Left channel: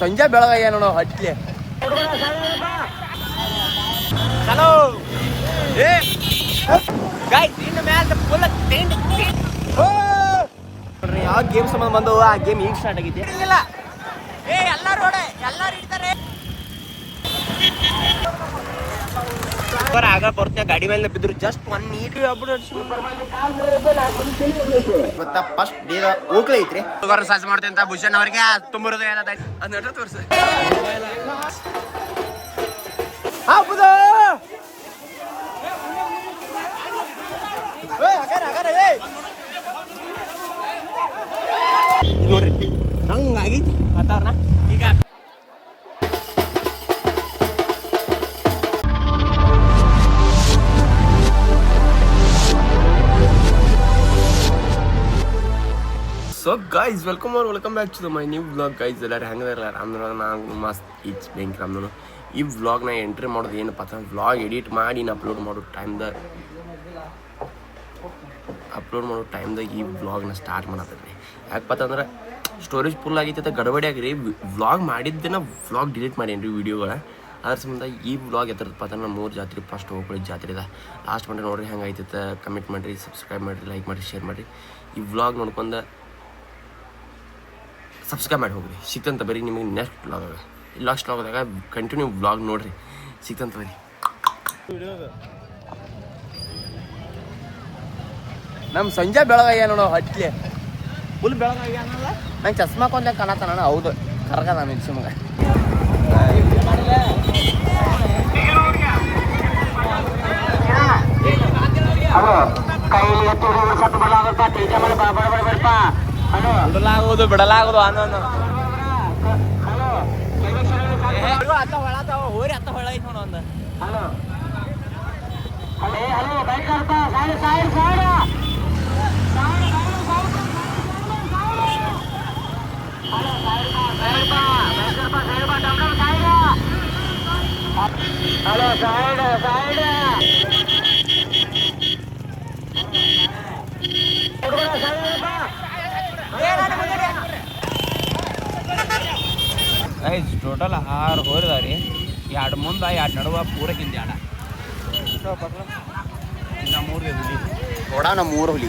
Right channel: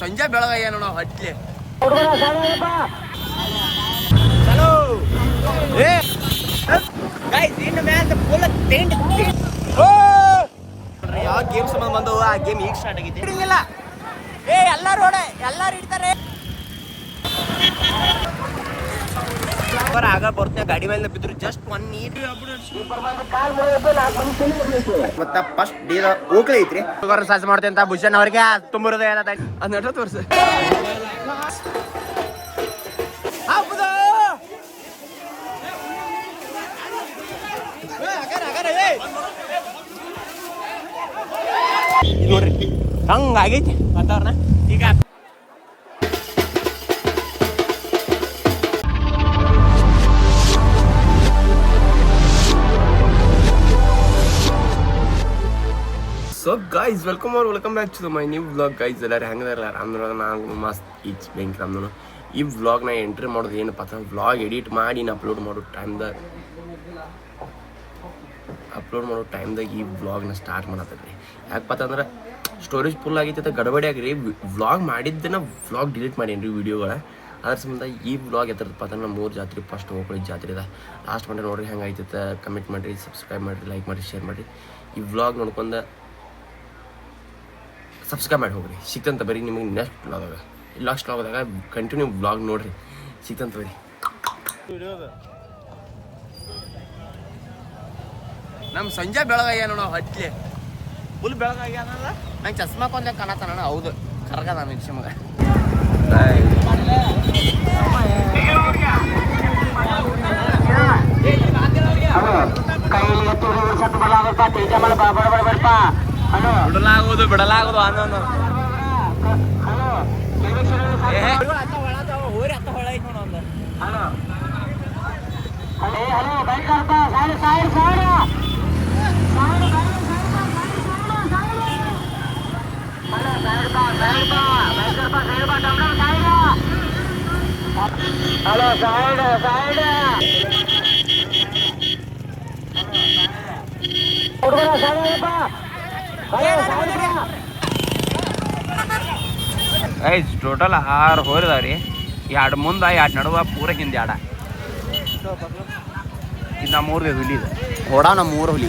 ಸಂಜೆ ಬೆಳಗಾಯ ನೋಡೋ ಹಟ್ಲಿ ಚಲೋ ನೋಡ್ರಿ ಯಾವ ಗೇಮ್ ಸಂಬಂಧ ಬಂದವು ಆ ಗೇಮ್ ಈಗ ಸ್ಟಾರ್ಟ್ ಆಗೈತಿ ಎಲ್ಲಾರು ಎಲ್ಲಾರು ಇಡ್ತಾರೆ ಆಗ ಬರ್ತೇನೆ ಗಾಡಿ ಮೇಲೆ ಬಿದ್ರು ಜಸ್ಟ್ 1 ನೀಟ್ ಗೊತ್ತಾ ಫಸ್ಟ್ ಡೇ ಓಕ್ಲೆ ಐತ್ರಿ ಸಾಸ್ ಮಾಡ್ತೇನೆ ಅಂತ ಭೂಷಣ್ ಅವ್ರಿಗೆ ತುಂಬಿರೋದು ಏನದ ತೋರ್ಸ ನೋಡ್ರಿ ಹಂಗಾಗೈತಿ ವಾತಾವರಣ ಈಗ so guys welcome back to my new vlog guys ಎಲ್ಲರೂ ಹೆಂಗದಾರ ಅಂದ್ರೆ ನಾನು ಮಸ್ತ್ ಇಟ್ಸ್ ಬೆಂಕಿ ನಮ್ದು ಈ ವ್ಲಾಗ್ನ ಎಂಟ್ರಿ ಮಾಡೋದು ಏನಪ್ಪ ಅಂತ ವ್ಲಾಗ್ ಎಡಿಟ್ ಮಾಡಿ ಅಪ್ಲೋಡ್ ಮಾಡೋ ಟೈಮ್ದಾಗ ಈ ವ್ಲಾಗ್ನ ಸ್ಟಾರ್ಟ್ ಮಾಡತ್ತದ್ರಿ ಯಾಕಪ್ಪ ಅಂದ್ರೆ ಸ್ಟೋರೇಜ್ ಫುಲ್ ಆಗೈತೆ ಗಡಬಡಿ ಆಗ್ರಿ ವ್ಲಾಗ್ ಮಾಡಿದ್ದನ್ನ ವ್ಲಾಗ್ ಡಿಲೀಟ್ ಮಾಡೇನ್ರಿ ವೀಡಿಯೋಗಳ ಅದ್ರ ಸಂಬಂಧ ಈ ವ್ಲಾಗ್ ಎತ್ತರದಪ್ಪ ಅಂದ್ರೆ ನಮ್ಮ 3 ಜಾತ್ರೆ ಫಸ್ಟ್ ಹೋಗ್ಕೊಳ್ಳಿ ಜಾತ್ರೆ ಇದೆ ಲಾಸ್ಟ್ ಮಾಡಿ ನೋಡ್ರಿ ಹೆಂಗಾಯ್ತೈತೆ ಕಮೆಂಟ್ ಮಾಡಿರಿ ಸಬ್ಸ್ಕ್ರೈಬ್ ಮಾಡಿರಿ ಲೈಕ್ ಮಾಡಿ ಶೇರ್ ಮಾಡಿರಿ ಈ ವ್ಲಾಗ್ ನೋಡ್ಕೊಂಡು ಸಬ್ಸ್ಕ್ರೈಬ್ ಮಾಡಿ ಹೋಗ್ರಿ ಸಿಕ್ತಂತ ಬರೀ ನಿಮಗೆ ನೆಕ್ಸ್ಟ್ ವ್ಲಾಗ್ದಾಗ ಕಂಟಿನ್ಯೂ ವ್ಲಾಗ್ ನೋಡ್ರಿ ಸಿಕ್ತಂತ ಬರೀ ನಮ್ಮ ಸಂಜೆ ಬೆಳಗಾಯ ನೋಡೋ ಹಟ್ಲಿ ಫುಲ್ ಬೆಳಗಾಯ ಅನ್ನಲ್ಲ ನಂಗೆ ಚಸ್ಮಾ ಕೊಂದೆ ಕಾಣತ್ತಾನ ಹೌದು ಕರ್ಗದ ಮೆನ್ಸಿ ಮಗ ಬಿಡಲಾಗುದು ಅನ್ನೋ ಹೋರಿ ಅತ್ತ ಹೊಳ ಐತಿ ನೋಡ ಒಂದು ಹಲೋ ಸೈಡ್ ಗೈಸ್ ಟೋಟಲ್ 6 ಹೋರಿದಾವ್ರಿ 2 ಮುಂದ 2 ನಡುವ ಪೂರಕ್ಕಿಂದ 2 ಇನ್ನ 3 ಹುಲಿ ಓಡಾ ನಮ್ಮ 3 ಹುಲಿ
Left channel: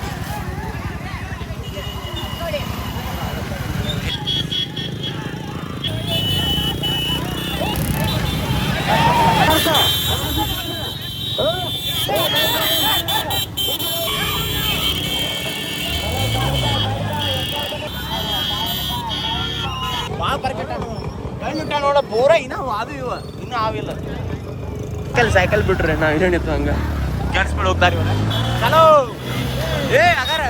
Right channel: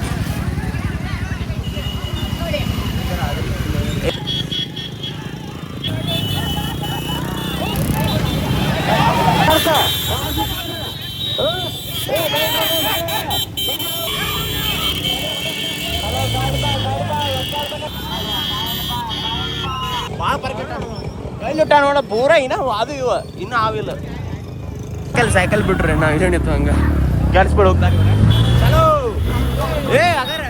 ಪೂರ ಇನ್ನ ಅದು ಇವ ಇನ್ನು ಆವಿಲ್ಲ ಸೈಕಲ್ ಬಿಟ್ರಿ ಗಾಡಿ ಸ್ಪೀಡ್ ಹೋಗ್ತಾರೆ ಚಲೋ ಅಗಾರ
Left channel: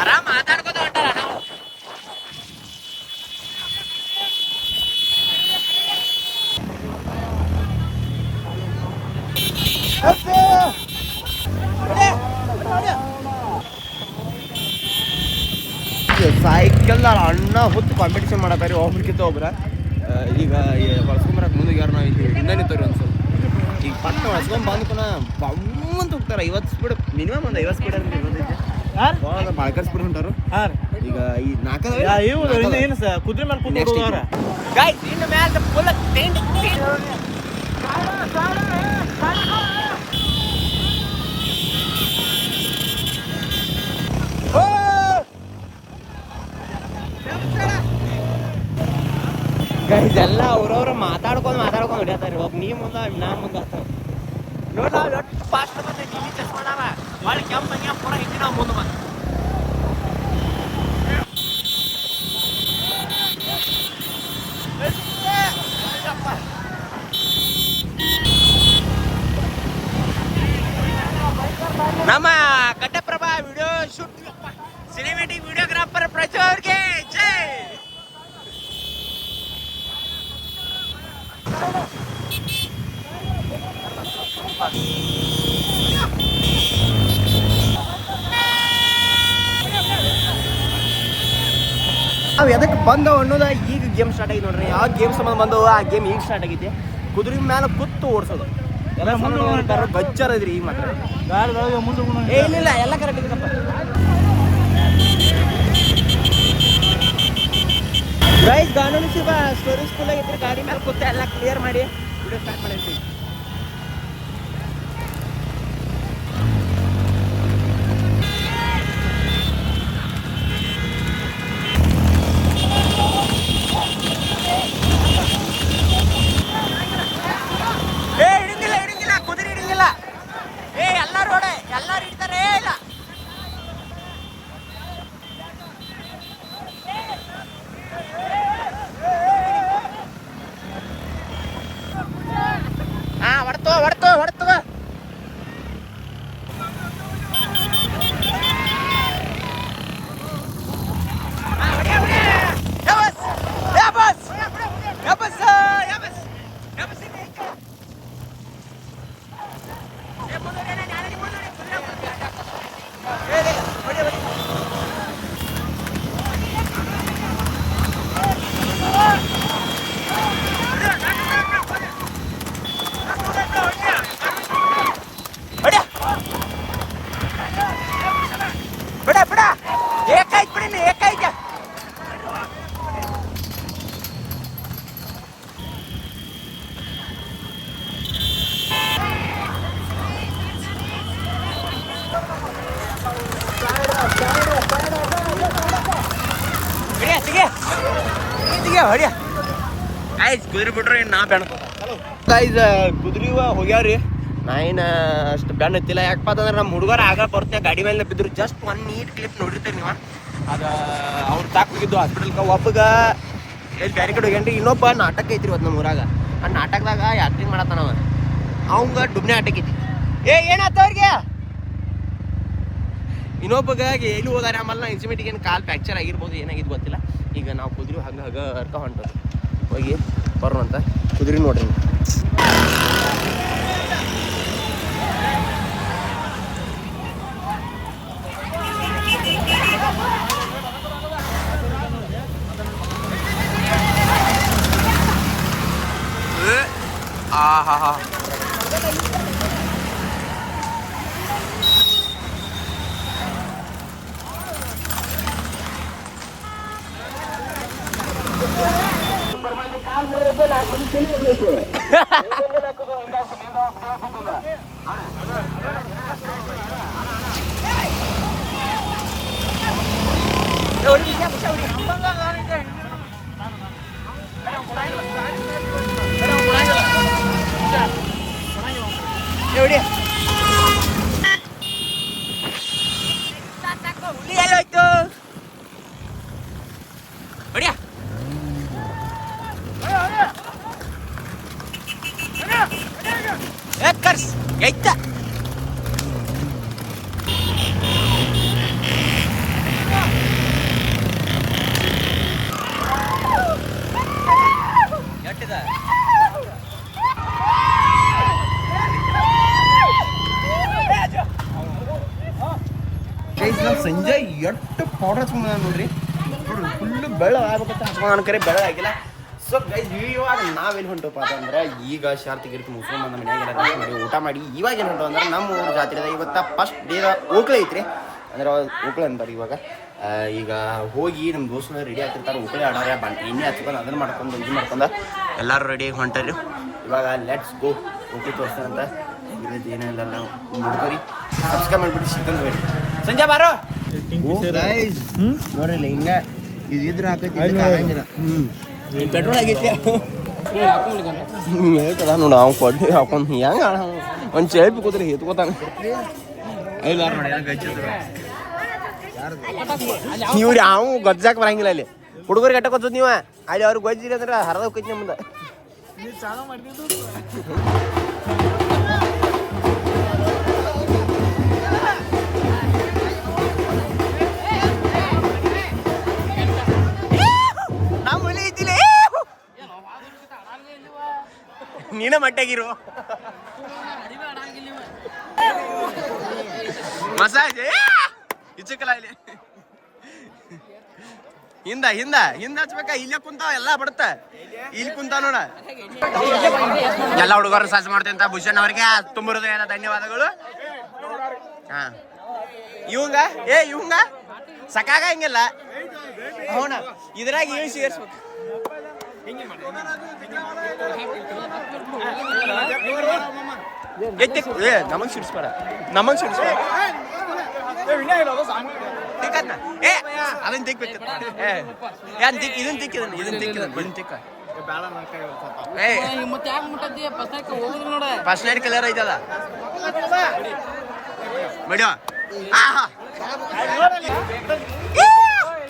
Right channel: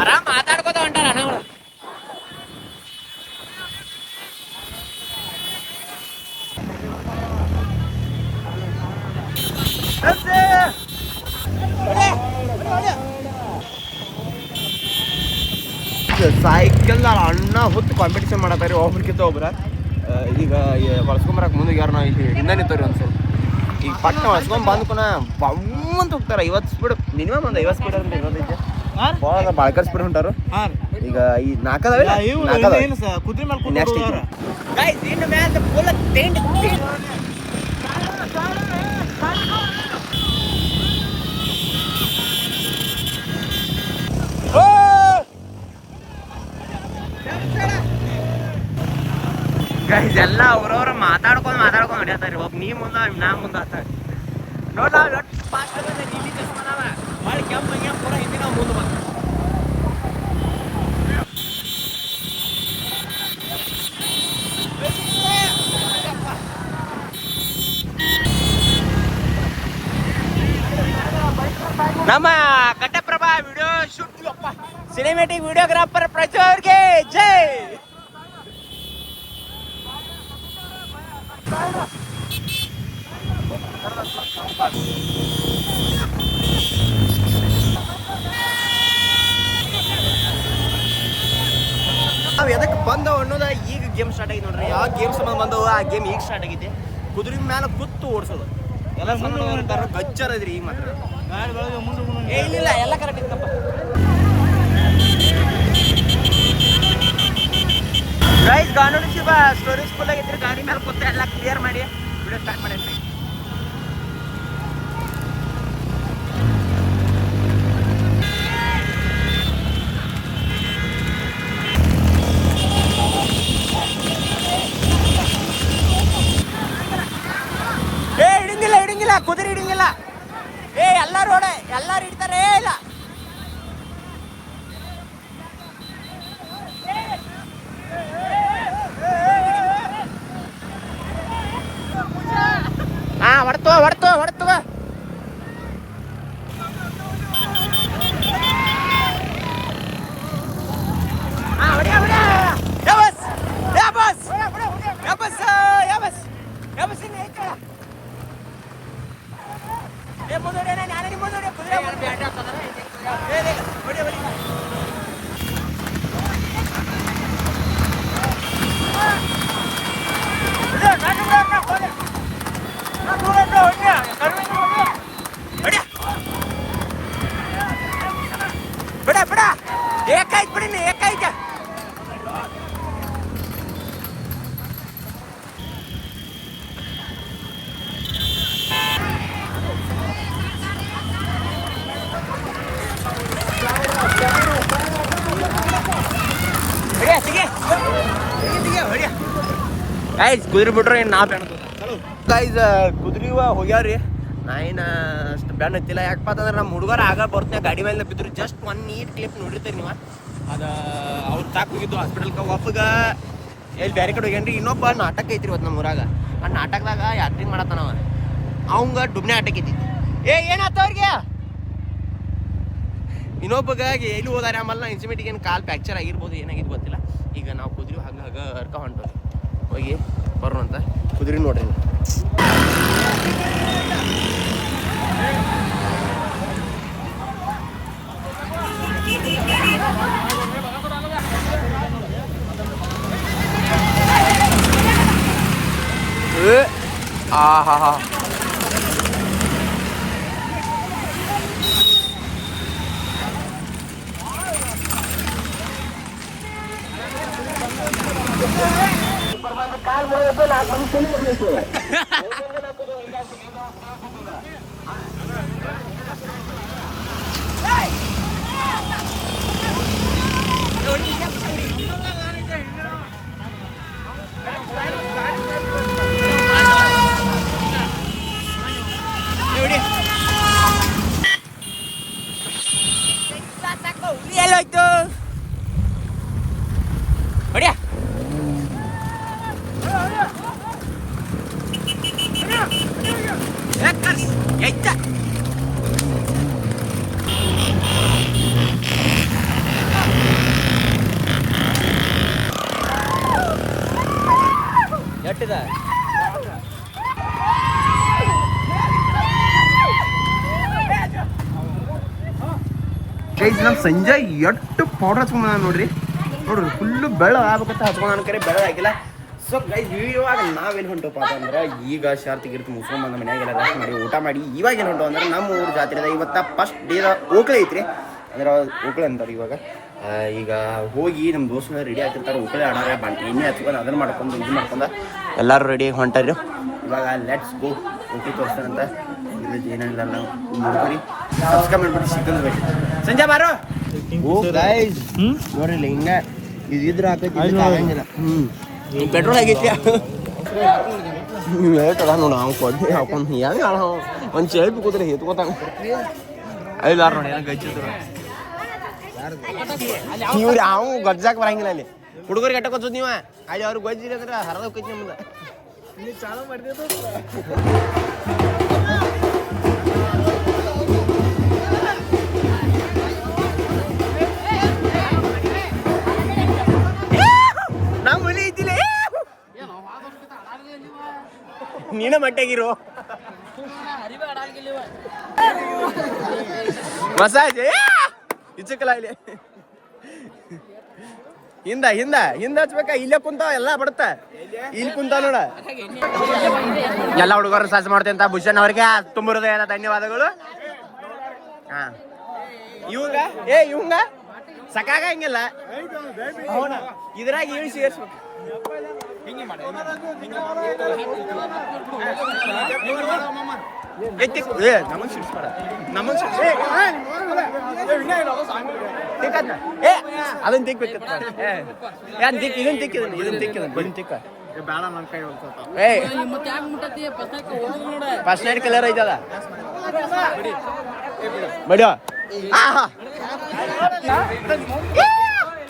ಆರಾಮ್ ಮಾತಾಡ್ಕೋತ ಹೊಂಟ ನಾನು ಸೈಕಲ್ ಅಣ್ಣ ಹೊತ್ತು ಕಾಂಪಿಟೇಷನ್ ಮಾಡತ್ತಾರೆ ಒಬ್ರಿಗಿಂತ ಒಬ್ರ ಈಗ ಬಳಸ್ಕೊಂಬರಕ್ಕೆ ಮುಂದೆ ಯಾರು ನಾವು ಇಲ್ಲಿ ಹಿಂದೆ ನಿಂತವ್ರಿ ಒಂದು ಸ್ವಲ್ಪ ಈಗ ಪಟ್ಟ ಬಳಸ್ಕೊಂಡ್ ಬಂದ್ಕೊನ ಅಂತ ಹೋಗ್ತಾರೆ 50 ಸ್ಪೀಡ್ ಮಿನಿಮಮ್ ಒಂದು 50 ಸ್ಪೀಡ್ ಅಂತ ಇರೋದೈತೆ ಬಾಳ್ಕರ್ ಸ್ಪೀಡ್ ಹೊಂಟಾರು ಈಗ ಈ ನಾಲ್ಕದವೆ ಕುದುರೆ ಎಲ್ಲ ಅವ್ರವ್ರು ಮಾತಾಡ್ಕೊಂಡು ಹೊಡಿಯತ್ತಾರೆ ಒಬ್ಬ ನೀ ಮುಂದೆ ನಾ ಮುಂದೆ ನೋಡ್ರಿ ನಾವು ಎಷ್ಟು ಫಾಸ್ಟ್ ಭಾಳ ಕೆಂಪು ಪೂರ ಹಿಂದಿ ನಾವು ಮುಂದೆ ಬಂದ ನಮ್ಮ ಕಟ್ಟಪ್ರಭಾ ವಿಡಿಯೋ ಶೂಟ್ ಸಿನಿಮ್ಯಾಟಿಕ್ ವಿಡಿಯೋಗ್ರಾಫರ್ ಪ್ರಚು ಅವ್ರಿಗೆ ಜೈ ನಾವು ಎದಕ್ಕೆ ಬಂದವು ಅನ್ನೋದ ಈಗ ಗೇಮ್ ಸ್ಟಾರ್ಟ್ ಆಗೈತೆ ನೋಡ್ರಿ ಯಾವ ಗೇಮ್ ಸಂಬಂಧ ಬಂದವು ಆ ಗೇಮ್ ಈಗ ಸ್ಟಾರ್ಟ್ ಆಗೈತಿ ಕುದುರೆ ಮೇಲೆ ಕೂತು ಓಡಿಸೋದು ಎಲ್ಲ ಸಣ್ಣ ಗಚ್ಚರ್ ಇದ್ರಿ ಈಗ ಮಾತ್ರ ಇಲ್ಲ ಎಲ್ಲ ಕರೆಕ್ಟ್ ಇತ್ತಪ್ಪ. ಗೈಸ್ ಕಾನೂನು ಸ್ಟೋರೇಜ್ ಫುಲ್ ಆಗಿದ್ರೆ ಗಾಡಿ ಮೇಲೆ ಕೂತ ಎಲ್ಲ ಕ್ಲಿಯರ್ ಮಾಡಿ ವಿಡಿಯೋ ಸ್ಟಾರ್ಟ್ ಮಾಡೇನ್ರಿ. ಹಿಡಿಂಗಿಲ್ಲ ಕುದುರೆ ಹಿಡಿಂಗಿಲ್ಲ. ಎಲ್ಲಾರು ಎಲ್ಲಾರು ಹಿಡಿತಾರೆ. ಇಲ್ಲ ಹೊಡ್ತವ ಬಿಡ ಏಕಾಯ್ತು ಬಿಡಿ ಏಕಾಯ್ತು. ಕುದುರೆ ಬಿಟ್ರೆ ನಾ ಬೆಣ್ಣ ಗೈಸ್ ಕುದುರೆ ಹೋಗ್ಯಾವ್ರಿ. ನಾ ಏನು ಅಷ್ಟು ಬೆಣ್ಣ ಹತ್ತಿಲ್ಲ. ಯಾಕಪ್ಪ ಅಂತಂದ್ರೆ ನಮ್ಮ ಹುಡುಗರು ಆಗ ಬರ್ತೀನಿ ಗಾಡಿ ಮೇಲೆ ಬಿದ್ರು. ಜಸ್ಟ್ ಒಂದು ನೀಟ್ ಕ್ಲಿಪ್ ನೋಡಿರ್ತೀರಿ ನೀವು. ಅದು ಅವ್ರು ತಾಕ್ ಹೋಗಿದ್ದು ಹಾಸ್ಪಿಟಲ್ಗೆ. ಒಬ್ಬಗ ಎಲ್ಲಿ ಬೇರೆ ಕಡೆ ಹೋಗ್ಯಾನ್ರಿ. ಇನ್ನೊಬ್ಬ ನಾಟಕ ಐತ್ರಿ ಇವತ್ತು ನಮ್ಮ ಊರಾಗ. ಆ ನಾಟಕದಾಗ ಆ್ಯಕ್ಟಿಂಗ್ ಮಾಡತ್ತಾನವ. ಅವಂಗ ಡುಬ್ನೆ ಆಟಕ ಐತಿ. ಏನಾಯ್ತು ಅವ್ರಿಗೆ? ಇನ್ನೊಬ್ಬಗ ಎಲ್ಲಿ ಹೋದಾರೆ ಆಮೇಲೆ ಇನ್ಸಿಮೆಂಟಿಗೆ ಏನು ಕಾಲು ಫ್ಯಾಕ್ಚರ್ ಆಗಿರ್ಬೋದು, ಏನಾಗಿದ್ದು ಗೊತ್ತಿಲ್ಲ. ಈಗ ನಾವು ಕುದುರೆ ಹಂಗ ಹರ್ಕ ಹೊಂಟೋದು. ಹೋಗಿ ಬರೋಣಂತ. ಕುದುರೆ ನೋಡ್ರಿ ಆಹಾ. ಸಂಜೆ ಎಷ್ಟು ಪೌಡರ್ ಹಚ್ಕೊಂಡ ನೋಡ್ರಿ ಫುಲ್ಲು ಬೆಳ ಆಗ್ಬೇಕಂತ ಹಚ್ಕೊಂಡ ಕರೆ ಬೆಳ ಆಗಿಲ್ಲ. ಸೊ ಗೈಸ್ ಇವಾಗ ನಾವೇನು ಹೊಂಟಪ್ಪ ಅಂತಂದ್ರೆ ಈಗ ಶಾರ್ತಿ ಗಿರ್ತಿ ಮುಸ್ಕೊಂಡ್ ಬಂದ ಮನ್ಯಾಗೆಲ್ಲ ರೆಸ್ಟ್ ಮಾಡಿ ಊಟ ಮಾಡಿ ಇವಾಗ ಏನು ಹೊಂಟು ಅಂದ್ರೆ ನಮ್ಮ ಊರು ಜಾತ್ರೆ ಇವತ್ತ ಫಸ್ಟ್ ಡೇದ ಓಕಳೆ ಐತ್ರಿ. ಅಂದ್ರೆ ಓಕಳೆ ಅಂತಾರೆ ಇವಾಗ. ಈಗ ಹೋಗಿ ನಮ್ಮ ದೋಸ್ತನ ರೆಡಿ ಆಗ್ತಿರ್ತಾರೆ. ಓಕಳೆ ಆಡಾಗ ಎಣ್ಣೆ ಹಚ್ಕೊಂಡು ಅದನ್ನ ಮಾಡ್ಕೊಂಡು ಇದು ಮಾಡ್ಕೊಂಡು ಎಲ್ಲರೂ ರೆಡಿ ಹೊಂಟಾರಿ. ಇವಾಗ ಲೆಟ್ಸ್ ಗೋ. ಓಕೆ ತೋರಿಸ್ತಾರಂತ ಏನಿಲ್ಲ ನಾವು ನೋಡ್ಕೊರಿ. ಸಬ್ಸ್ಕ್ರೈಬ್ ಮಾಡ್ಬಿಟ್ಟು ಸಿಕ್ಕಂದ್ ಬೇಡಿ. ಸಂಜೆ ಬಾರೋ ನೋಡ್ರಿ ಹಿಂಗ ಇದ್ರ ಪೆಟ್ರೋಲ್ ಆಗೈತಿ. ಹೇಳ್ತದ ನಾವು ಕೊಡ್ಲಿ ಹಾಕೊಂಡು ಹೆಂಗ ಒಂದು ಸೆಲ್ಫಿ ಕೂತ್ರೆ ಎತ್ಕೋತಾನ. ಐದಾರ ನೋಡಿ ಇವ್ರು ಯಾವ ಗಜ್ಜಾಕ್ ಬರಂಗಿಲ್ಲ. ಇಲ್ಲಿ ಹುಡುಗರಿಗೆ ಗಟ್ಟ ಕೊಚ್ಚೋದು ನೀವ ಅಲ್ಲಿ ಅವ್ರಿಗೆ ಗೊಜ್ಜಿರಿ ಅಂದ್ರೆ ಹರದ ಹೋಗ್ತೈತಿ ನಮ್ದು. ನೀನ ಮಟ್ಟಾಗಿರೋ ಮಸಾಜ್ ಇಚ್ಚಕಲ್ಲ ಇಲ್ಲಿ ಹಿಂದ ಹಿಂದ ಹಿಂದ ಹಚ್ಬೇಕ. ಇಲ್ಲೇ ಕುಂತ ಎಲ್ಲ ಬಡತ್ತ ಇಲ್ಲಿ ಕುಂತ ನೋಡ. ಎಲ್ಲ ಹುಡುಗರು ಸಾಸ್ ಮಾಡ್ತೇವೆ ಅಂತ ಭೂಷಣ್ ಅವ್ರಿಗೆ ತುಂಬ ಹೃದಯದ ಧನ್ಯವಾದಗಳು. ಹಾ ಇವಂಗ ಇವಂಗ ಸಾಕಾಗಂಗಿಲ್ಲ ಅವನ ಇದ್ರಾಗ ಇವ್ ಸೇರ್ಸ್ಬೇಕು ನಮಗ್ ಸಿಡ್ಸ್ಬೇಡ ನಮಗ್ ಸಿಡ್ಸ್ ತಿಕ್ಕದ್ನ ಅದನ್ನ ತಿಕ್ಬೇಕತ್ತ ಇದನ್ ತಿಕ್ಕ ಫಸ್ಟ್ ನೈಟ್ ಕಲರ್ ಐತದ ಬಡಿಯೋ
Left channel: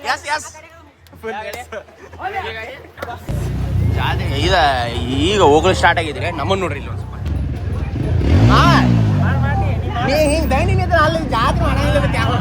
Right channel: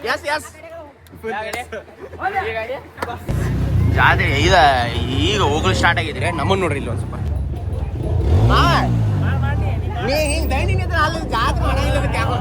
ಎಸ್ ಎಸ್ ಜಾತ್ರೆ ಈಗ ಹೋಗಲು ಸ್ಟಾರ್ಟ್ ಆಗಿದ್ರೆ ನಮ್ಮನ್ನ ನೋಡ್ರಿ ಇಲ್ಲಿ ಒಂದ್ ಸ್ವಲ್ಪ ಹಿಂಗ್ ಡೈನಿಂಗ್ ಇದ್ರೆ ಅಲ್ಲಿ ಜಾತ್ರೆ ಮಾಡಂಗಿಲ್ಲ ಯಾವ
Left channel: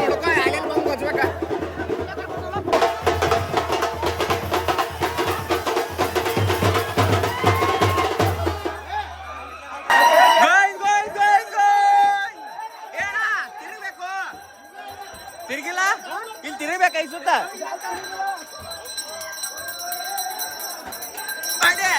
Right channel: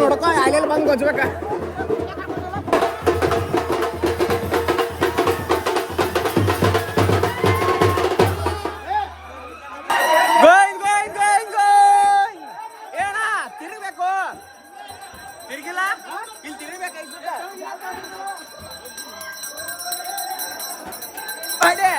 ನೋಡ್ಕೊ ಅಲ್ಲೆಲ್ಲ ಬಂದು ಗೊಜ್ಬೇಕ ತಿರುಗಬೇಕು ತಿರುಗಿಲ್ಲ ಇಲ್ಲಿ ತಿರುಗಬೇಕು ಐಸುತ್ತ ಅದೇ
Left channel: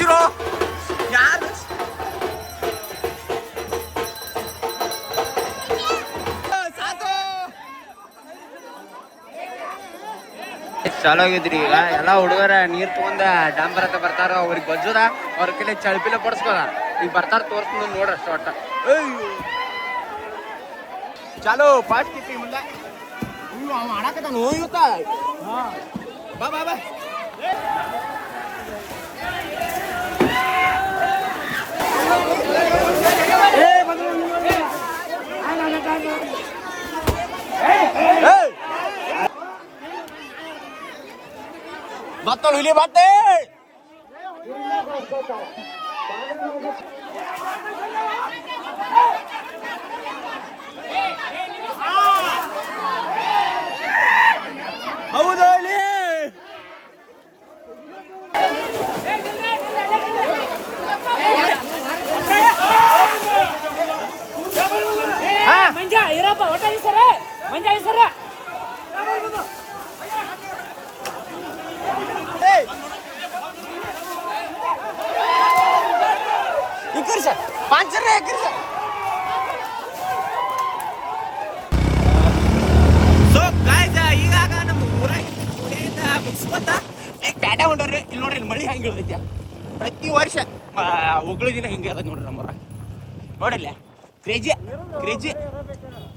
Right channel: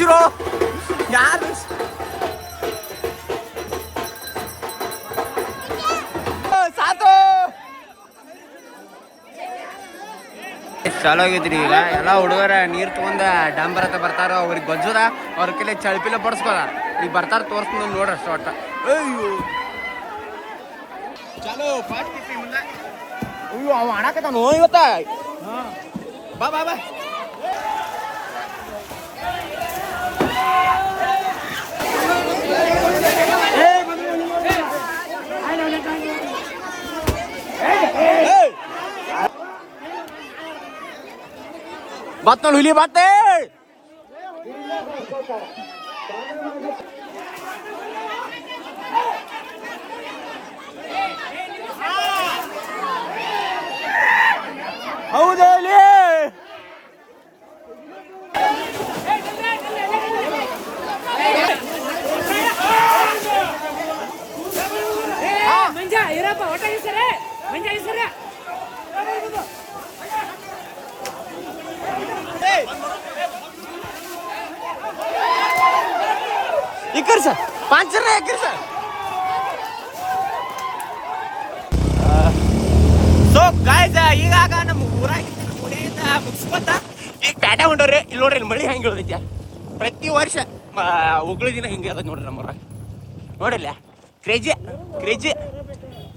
싫어 ಚಾಲಾಗೈತ್ರಿ ಈಗ ಎಲ್ಲ ಹುಡುಗರ ನೀರ್ ತಗೊಂಡ ಡಾಂಬರ್ ಹತ್ತ ಬರ್ತಾರ ಅವ್ರಿಗೆ ಗೊಜ್ಜದ ಅವ್ರ ಕೈಲಿ ಚಳಪಿನ ಬಡ್ಸ್ಕೊದ ಈಗ ಬರ್ತಾರ ತೋರಿಸ್ತೀನಿ ನೋಡ್ರಿ ಅಷ್ಟ ಒಟ್ಟ ಚಾಲು ಪಾಟ್ ಕಿಟ್ಟಿ ಮುಂದೆ ಅಯ್ಯೋ ಅವ ಆಡಕತ್ತ ನೋ ಇವತ್ತ ಬಾ ಬಾ ಬಾ बात हुई बात ಮಂಜಾ ಇರಪ್ಪ ಒಟ್ಟ ಸರ ಮಂಜಾ ಸರ ಈಗಾಗ ನಮ್ಮ ಊರಾಗ ಮುಗಿಸ್ಕೊತ ಈಗ ಪ್ಯಾಟೆ ಹೊಂಡ್ರಿ ಇಲ್ಲಿ ನೋಡ್ರಿ ಮಳಿ ಹೆಂಗೆ ಹೊಡಿದ್ಯ ಪ್ರತಿ ವರ್ಷ ಒಗ್ಳಿಗಿನ ಹಿಂಗೆ ಅದ ನೋಡ್ರಿ ನಮ್ಮ ನೋಡಿಲ್ಲ ಕ್ರೇಜಿ ಕ್ರೇಜಿ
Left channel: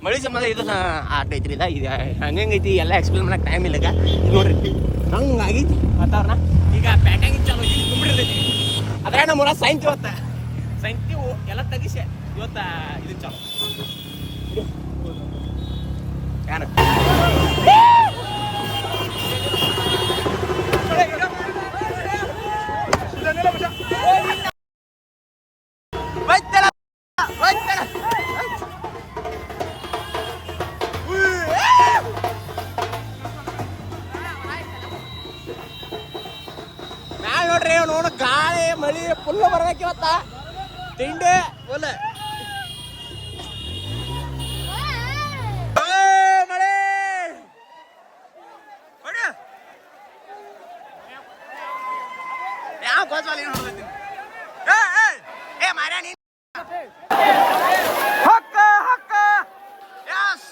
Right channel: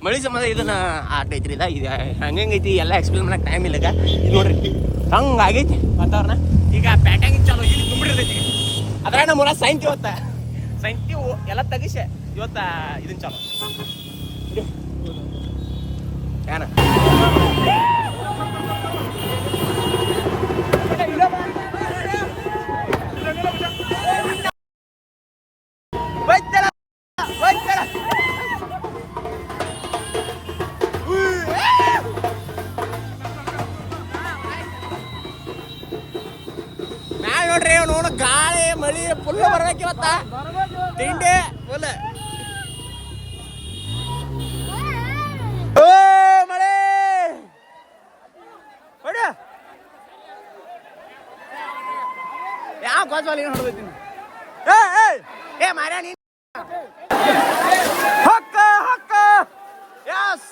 ಮಳಿ ಸಂಬಂಧ ಇದನ್ನ ಆಗ್ತೈತ್ರಿ ಈಗ ಹಂಗೈತಿ ಎಲ್ಲ ಎಕ್ಸ್ಪ್ಲೇನ್ ಮಾಡಕ್ ಟೈಮ್ ಇಲ್ಲ ನೋಡ್ರಿ ಹಂಗಾಗೈತಿ ವಾತಾವರಣ ಈಗ ಪ್ಯಾಟ್ಯಾಗ ಚಾಲು ಇಲ್ಲಿ ತುಂಬಿಡಿರ್ತೈತಿ ಅದ್ರಾಗ ನಮ್ಮ ಒಳಗೆ ಸೈನ್ಸ್ ಇವತ್ತ ಸೈನ್ಸಿ ಎಲ್ಲ ತೆಗಿಸಿ ಇವತ್ತ ಇದನ್ ಚಾಲು ಏನ ಬರ್ಬೇಕಿವತ್ತ ತಿಂಡಿ ಯಾವ ಕಾಸಲ್ಲಿ ಏನು ಹೊಡೆದೈತಿ ಏ ಮಾರ್ಯ ನೀ ಹಕ್ಕ ಹಕ್ಕ ಯಸ್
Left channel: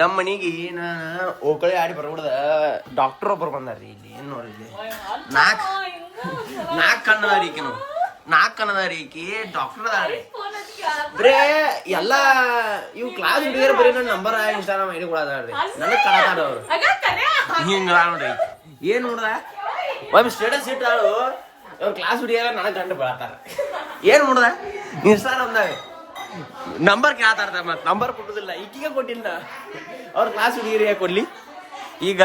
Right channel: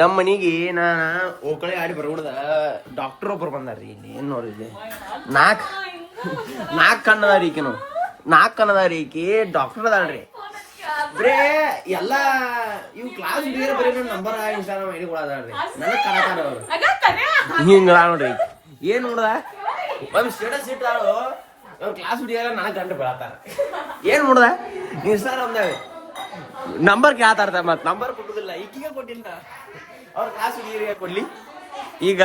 ನಮ್ಮ ಮನೆಗೆ ನಾನು ಓಕಳೆ ಆಡಿ ಬರ್ಬಿಡ್ದ ಡಾಕ್ಟರ್ ಒಬ್ಬರು ಬಂದಾರ್ರಿ ಇಲ್ಲಿ ಏನ್ ನೋಡ್ರಿ ಇಲ್ಲಿ ನಾಲ್ಕು ಕಣ್ಣದಾರಿ ಈಕಿನು 4 ಕಣ್ಣದಾರಿ ಈಕಿ ಡಾಕ್ಟರ್ ಅದಾಳ್ರಿ ಬರೇ ಎಲ್ಲ ಇವ್ ಕ್ಲಾಸ್ ಹುಡುಗಿಯರ ಬರೀ ನನ್ನ ನಂಬರ್ ಇನ್ಸ್ಟಾಗ್ರಾಮ್ ಐಡಿ ಕೂಡ ಅದಾಳ್ರಿ ನನಗೆ ಕಣತಾರ ಅವ್ರು ಹಿಂಗ ನೋಡ್ರಿ ಏನ್ ನೋಡ್ದ ಒಂದ್ ಸ್ಟೇಟಸ್ ಇಟ್ಟಾಳು ಅವ್ರ ಕ್ಲಾಸ್ ಹುಡುಗಿಯರ ನನಗೆ ಗಂಟು ಬೆಳತಾರ ಏನ್ ನೋಡ್ದ ಇನ್ಸ್ಟಾಗ್ರಾಮ್ದಾಗ ನಂಬರ್ ಕೇಳ್ತಾರ ಮತ್ ನಂಬರ್ ಕೊಟ್ಟುದಿಲ್ಲ ಈಗೀಗ ಕೊಟ್ಟಿಲ್ಲ ಅವ್ರ ಕ್ಲಾಸ್ ಹುಡುಗಿರಿಗೆ ಕೊಡ್ಲಿ ಈಗ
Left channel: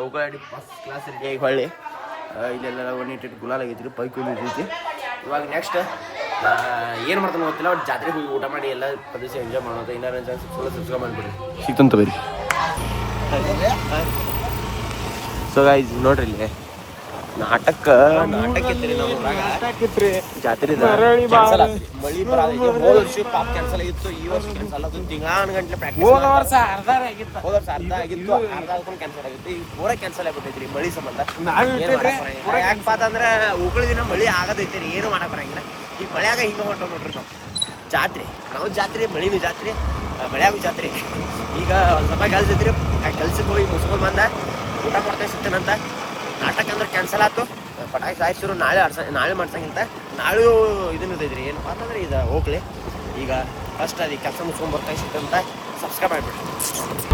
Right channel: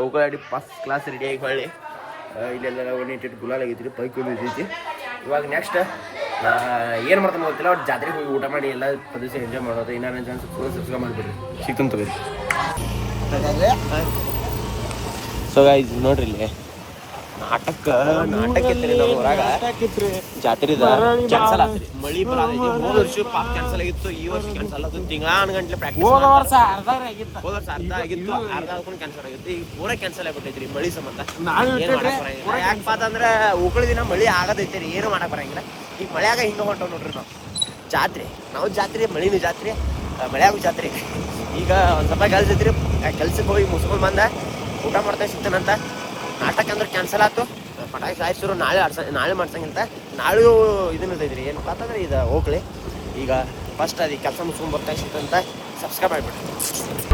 ಹೋಗಾಡಿ ಫಸ್ಟ್ ಕ್ಲಾಸ್ ರೆಡಿ ಆಗಿ ಹೊಳ್ಳಿ ಇಲ್ಲೆಲ್ಲ ಒಂದಿಟ್ಟು ಗುಲಾಲ್ ಆಗೈತಿ ಪೈಕ್ ಐತಿ ಇವಾಗ ನೆಕ್ಸ್ಟ್ ಏನು ಮಾಡ್ತಾನೆ ಗೊತ್ತಿಲ್ಲ ಅವ್ರು ಜಾತ್ರೆಗೆ ಹೋಗಿ ಊಟ ಮಾಡಿ ಎಲ್ಲ ಪ್ರದೇಶ ಎಂಜಾಯ್ ಮಾಡೋದು ಇನ್ನೊಂದು ಚಾನ್ಸ್ ಫುಲ್ ಸಬ್ಸ್ಕ್ರೈಬ್ ಮಾಡಿಬಿಡ್ರಿ ಸಿಗ್ತಂತ ಬರೀ ಸೊ ಗೈಸ್ ನೋಡ್ರಿ ಇಲ್ಲಿ ನಾಟಕ ಇತ್ರಿ ನಮ್ಮ ಊರಾಗ ಜಾತ್ರೆದ ಕ್ಯಾನ್ಸಲ್ ಆತ್ರಿ ಮಳಿ ಬರೋದೈತಿ ಹೋದ ವರ್ಷ ಪಾಪ ಕ್ಯಾನ್ಸಲ್ ಆಗಿತ್ತು ಈ ವರ್ಷ ಕ್ಯಾನ್ಸಲ್ ಆಗುತ್ತೆ ತಿಂಗಳಾನುಗಂಟ್ಲೆ ಪ್ರಾಕ್ಟೀಸ್ ಹೋದ ವರ್ಷ ಅರ್ಧ ಆಗಿತ್ತು ಅರ್ಧ ಆದ್ಕೊಂಡು ಕ್ಯಾನ್ಸಲ್ ಆಗಿತ್ತು ಈಗ ಪೂರಾ ಕ್ಯಾನ್ಸಲ್ ಆಗ್ಬಿಟ್ಟೈತ್ರಿ ಮಳಿ ಸಂಬಂಧ ಏನ್ ಮಾಡಕ್ ಬರಂಗಿಲ್ಲ ಯಾಕಪ್ಪ ಅಂತಂದ್ರ ಉಗುಳ ದಿನ ಮಳಿ ಆಗದೈತ್ರಿ ಏನು ಮಾಡಕ್ ಬರಂಗಿಲ್ಲ ಈಗ ಮಳ್ಯಾಗ ಹಿಂಗ ಹೊಂಟವ್ ನೋಡ್ರಿ ನಾವು ಜಾತ್ರೆ ಮಳಿನೂ ಜಾತ್ರೆ ಮಳ್ಯಾಗೂ ಜಾತ್ರೆ ಈಗ ಒಂದ್ ಸ್ವಲ್ಪ ಕೆಲ್ಸ ಐತ್ರಿ ಕೆಲ್ಸಕ್ಕೆ ಹೋಗಿ ಮುಸ್ಕೊಂಡ್ ಬಂದ ಊಟ ಮಾಡ್ತಾ ಸಿಗ್ತಾನಂತ ನಾಟಕ ಅಂದ್ರೆ ಕ್ಯಾನ್ಸಲ್ ಆಯ್ತು ಪಟಾಕಿ ಸಾಯಿಸಿದ್ರು ನಾಳೆ ಮಾಡ್ಸಂಗಿಲ್ಲ ನಾಳೆ ಇದನ್ನ ಐತ್ರಿ ಏನಪ್ಪ ಅಂತಂದ್ರೆ ಇದು ಹೋಗ್ಲಿ ಈಗ ಫಸ್ಟ್ ಅದಕ್ಕೆ ಕೆಲಸ ಮುಗಿಸ್ಕೊಂಡ್ ಬರ್ತಾ ಸಿಗ್ತಂತ ಸಬ್ಸ್ಕ್ರೈಬ್ ಮಾಡಿಬಿಡ್ರಿ